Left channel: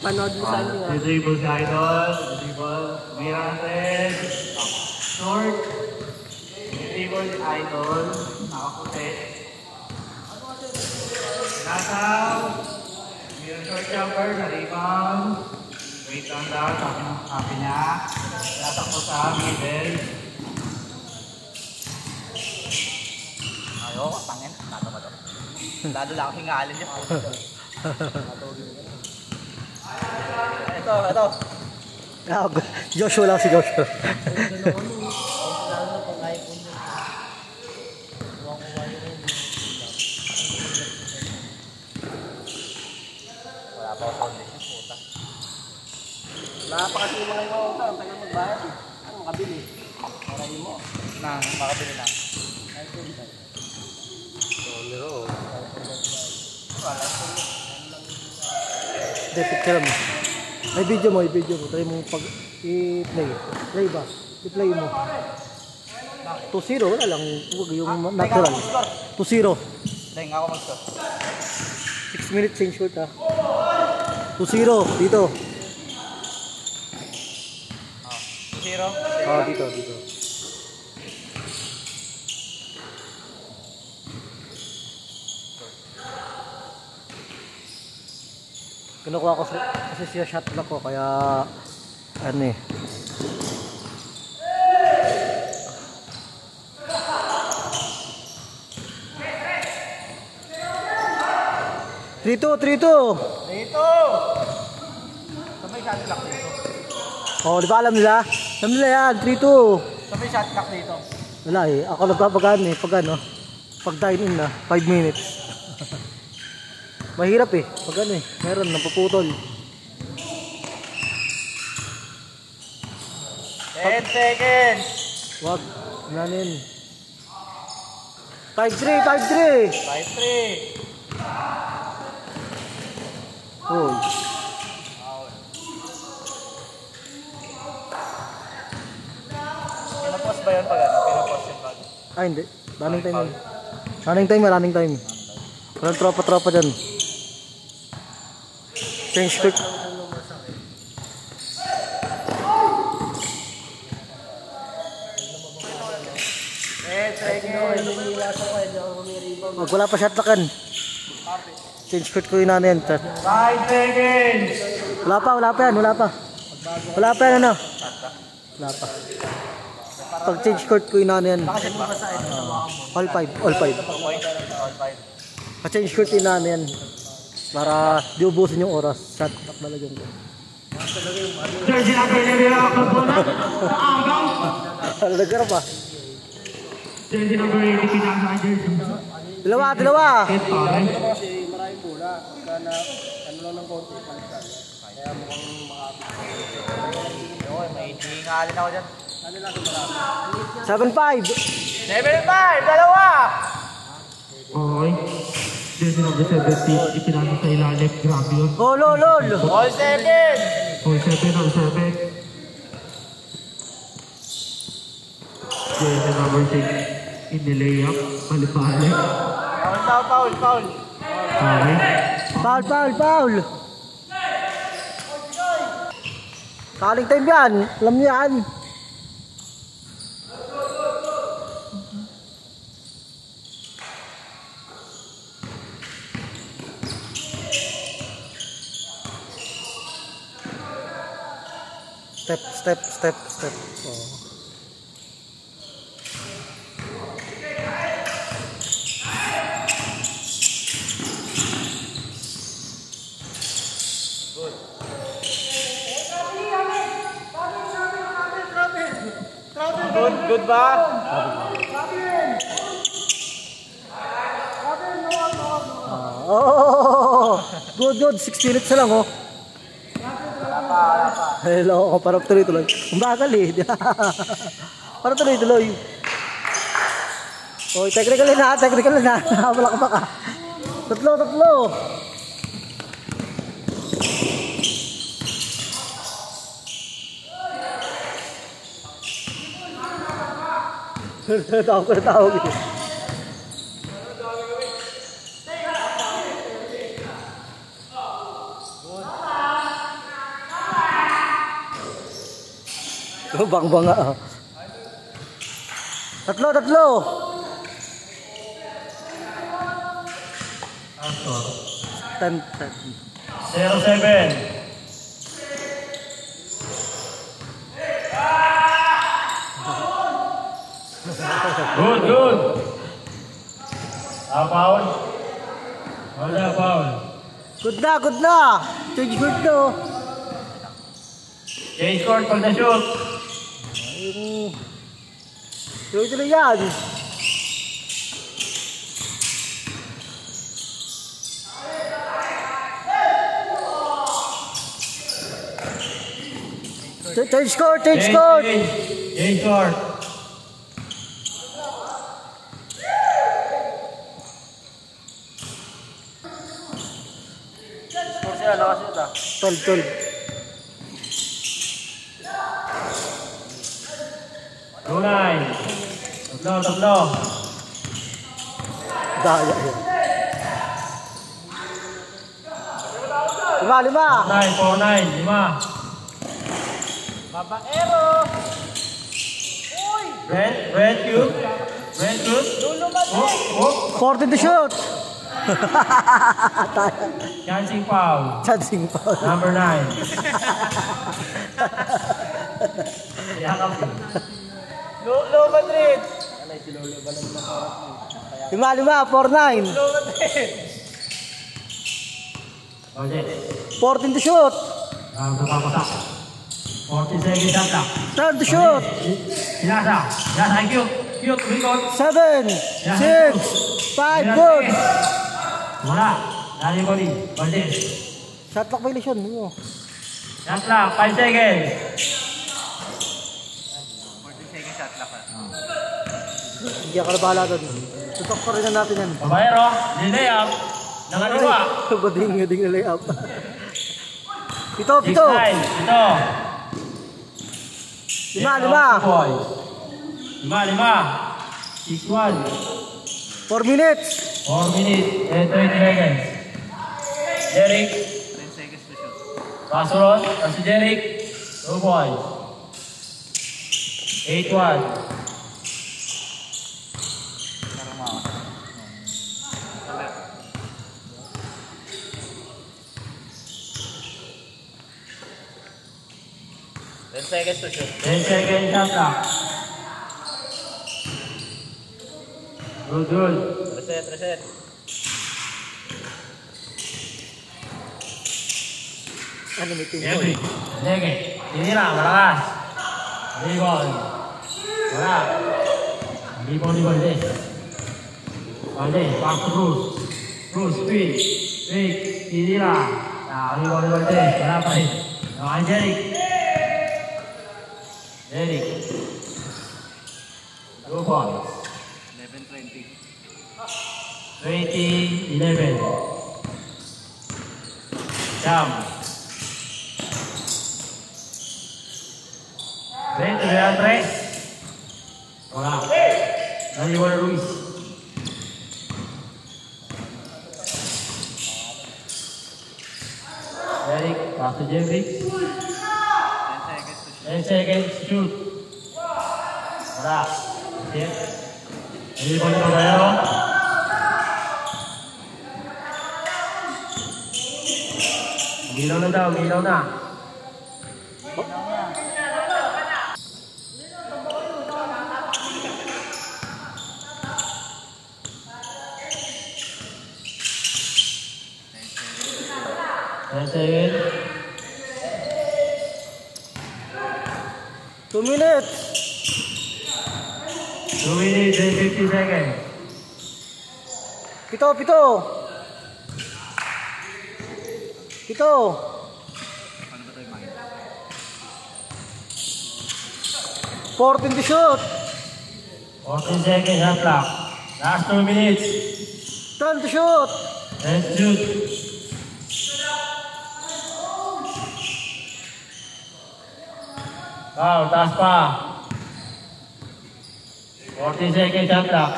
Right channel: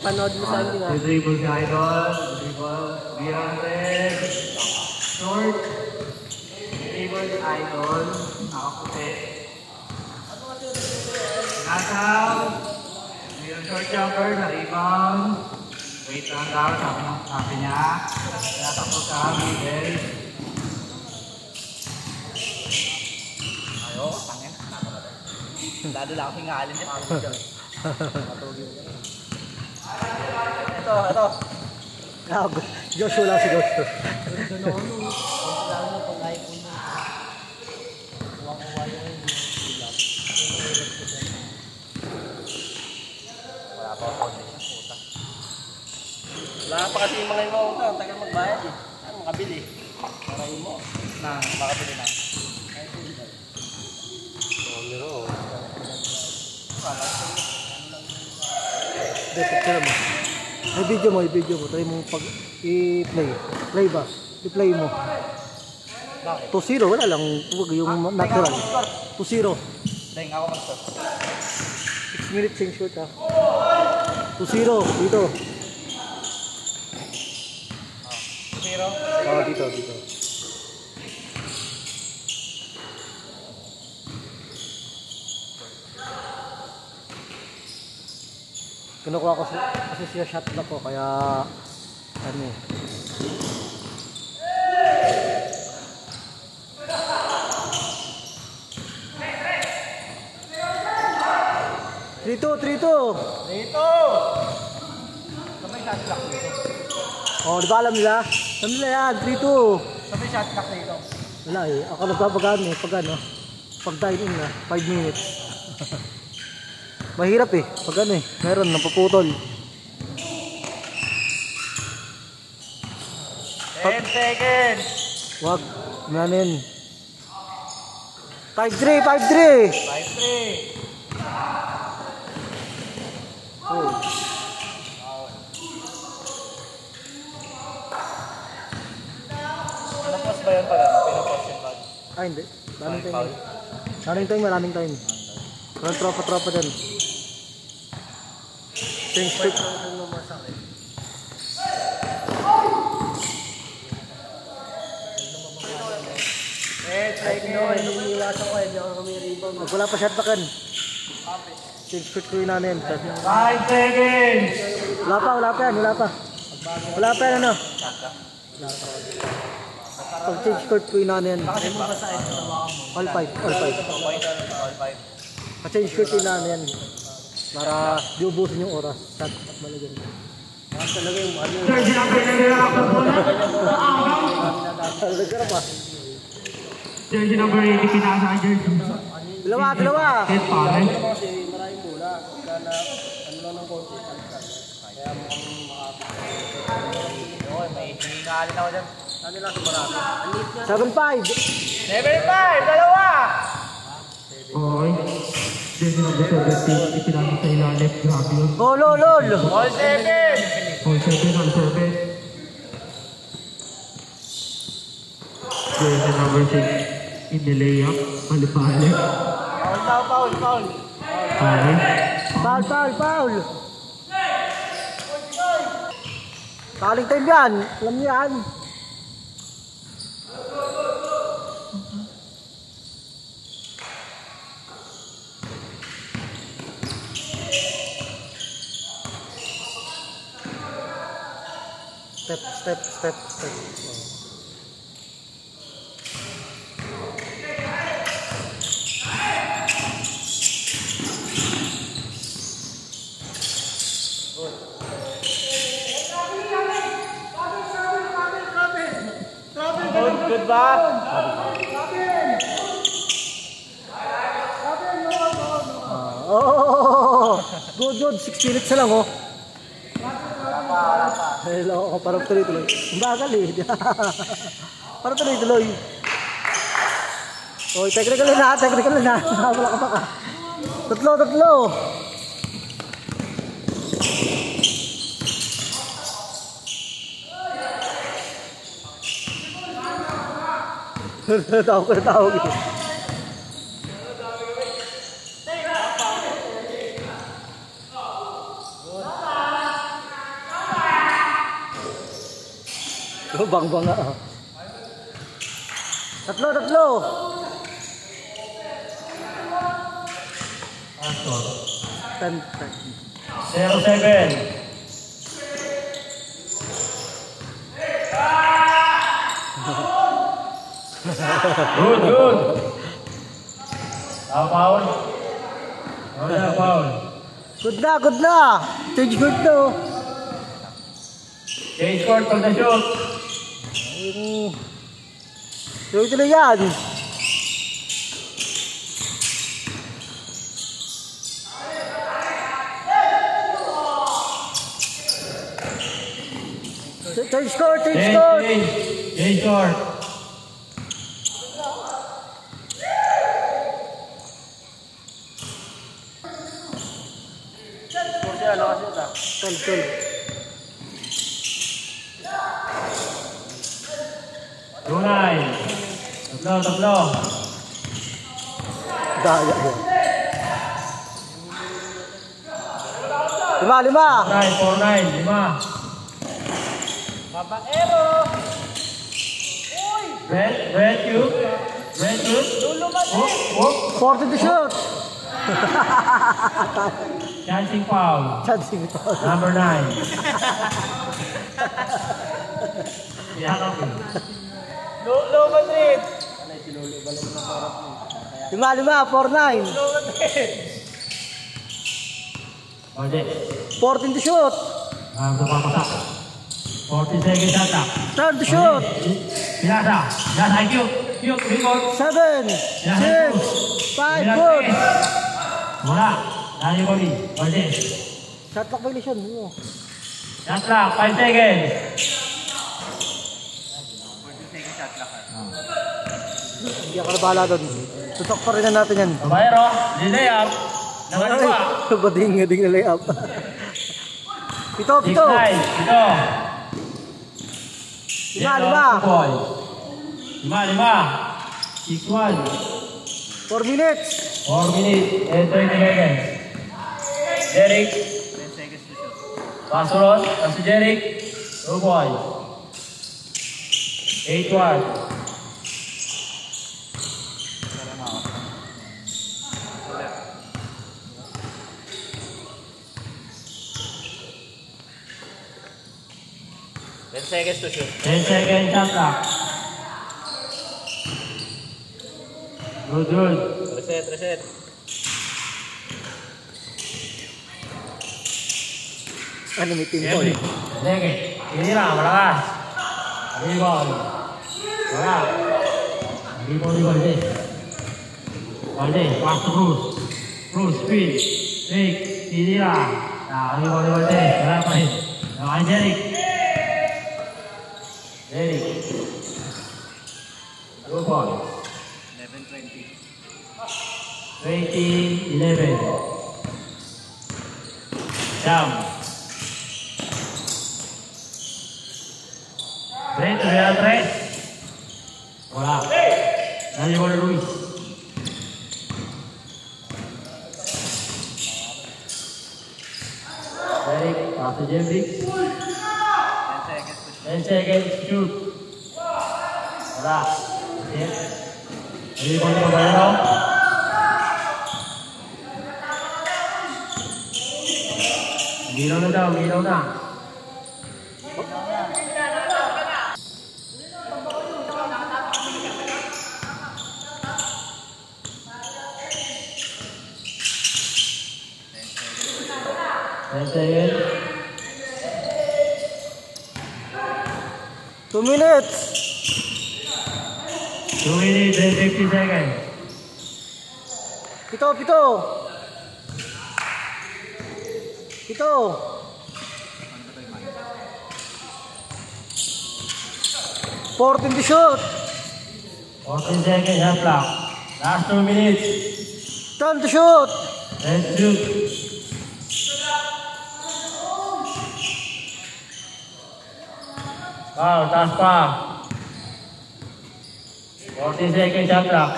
Panood mo sa akin nga. The dribble idol. The dribble. Beyond short. The dribble idol. Nakaputi. Nasaw. Mayroon short jumper sa rebound. Wait lang daw. Sabi niya. Natakot sa middle. Ayo, pangin. Lalo lang akong ngalan niya. Ito. Joshua lang si Joshua. Wala pa kasi yung mga iwaw ka, tagal magbayad eh. Ano makabili? Maray mo. Makabili na. Picture mo. May video mo. Try mo pag i-play. Play ba? I-play mo. 2-0. Wala lang. Huwag yung natural. 2-0. Dahil ako mag-shot. 6 minutes yung shoot ha. 2-0. Dito. 0? Dito. Kinukuha ko kasi siya shot block ko kaya ano eh. Trito. Oh, di ba alam nila? Alam nila yan, Trito. Sabi shot clock dito. Wala eh, ako nagpapagaan eh, pag ano, pag dine in na, 5 minutes. Mahirap eh, pag ano eh, meron, napuputol. 10 seconds! Wag, nanin. 5-3! 5-3! Oh. Pinapos ba yan pala? Pinapos yung bag? Ay hindi, maraming time. Walang tropa dyan. Change quick. Wala pa shot pakan. Change quick ko yun namin. 5 seconds! Wala pa yan ano. Wala pa. Pag change court ko yun namin. All 5. Pag change court yun namin. Para di ubusin yung oras. Shot at malagyan ko. Lagyan ba? Jersey number 80 pinasa jersey. Dalawa. Yes, pare. Ano lang sumarami? 7-5. 7-5! Dalawa! Okay. Jersey number 70 ipinasa sa ilalim. Grabe yun. Lol. All 7! All 7. Jersey number 6 in the layup. Palipalik. Foul. Okay. Foul. Paling time yan. Alam niyo yan. Step. Oh. Good ba? Good. 6 minutes na lang oh. Hello, parang tuloy-tuloy. Ang bagal eh. Parang tuloy-tuloy. Oh, technical na. Wala ka baka. Tatlo. Tawag ito. Bang-bang nga. Tatlo. Tan. 0-7. Good. Foul. Wala foul. Good na. Change good to. Change court for the shoot. Tuloy yan. Change court. Change court. Tel. Tunay. Tuplo. Daya yan. 5. 4-9. 5. Red cube. 40 to shoot. Chancing foul. Number 9. Low Madrid. 5, 4-9. 14 to shoot. Papasak. 40 seconds attack. Turn to shoot. Sinasa, cube, reload. 7, 6, 5, good. Wala. Nani body. Budget. Shot clock violation. Shot clock, 5 seconds. Hindi ako nabahala doon. Tutok pa rin natin yan. Kabayero, lay-up. Nakaliwa. Bading na layup. Pito. 6-9. Ito. 5. 6-1. 4 minutes. 4 minutes and 20 seconds. Jeric. 10 seconds to shoot. Pasurot. Si Jeric. 2 points. 8-1. Seconds to shoot. 10 seconds shot clock. Good. Reset. Ano may team Every. Sige. Tinira. Malakas. Rebound. Wala. Rebound. Valde. Pass to Bruce. Bruce. Speed. Take. Tinira. Rebound. Valde. Wala pa rin. Jeric. 2 points. 20-11. Sam. Real Tres. Wala. Nalibol Ruiz. Eric, pass to Jeffrey. 10 seconds, shoot. Wala. Nalibol ni Babayero. Giraw na. 10 seconds. 2 minutes. 2 minutes and 50 seconds. Pito. 14 to shoot. 14 seconds, shot clock. Last 2 minutes. Turn to shoot. And shoot. Wow, taas pa. 14 seconds, shot clock.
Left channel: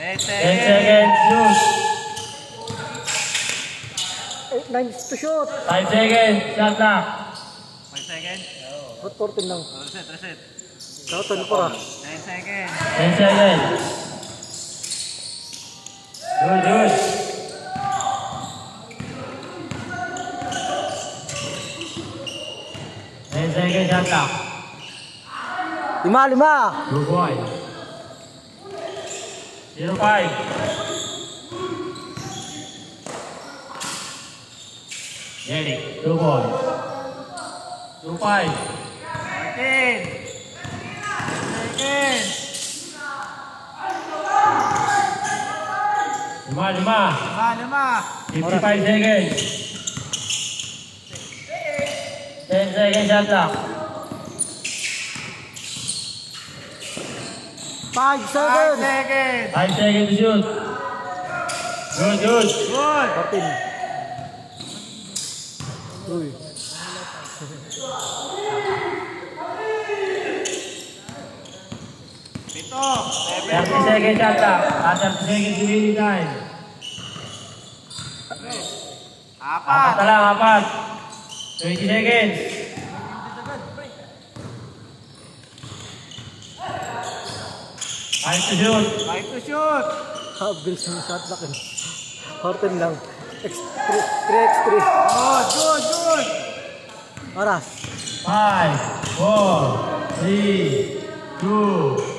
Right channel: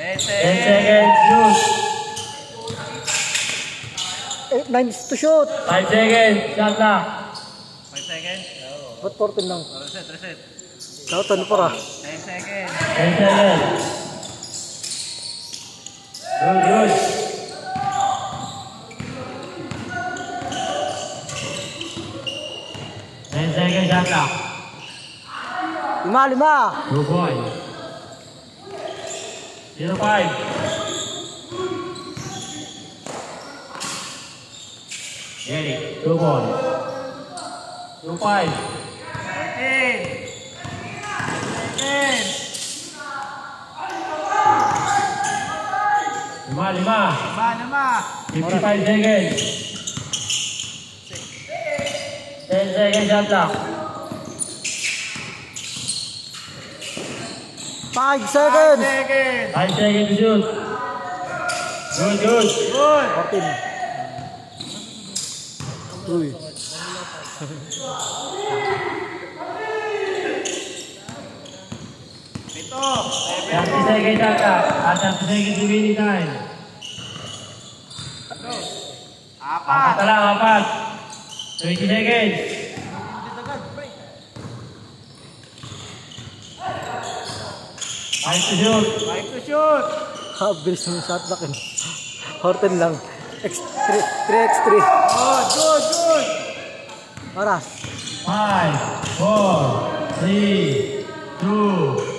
10 seconds, shoot. 8, 9 to shoot. 5 seconds, shot clock. seconds. Ba't 14 lang? Reset, reset. Saka 24 ah. 10 seconds. 10 seconds. Good, good. 10 seconds shot clock. 5. Good boy. 0-5. Ready. Good boy. 2-5. 15 seconds. 5. 55 seconds. 10 seconds shot clock. 5 seconds. 5 seconds to shoot. Good, good. 14. Uy. Ito. 40 seconds shot clock. At 30 seconds remaining time. Apat na lang, apat. 20 seconds. Time to shoot. Time to shoot. Bilis ng shot back eh. 14 lang. 3x3. Good, good, good. Oras. 5, 4, 3, 2,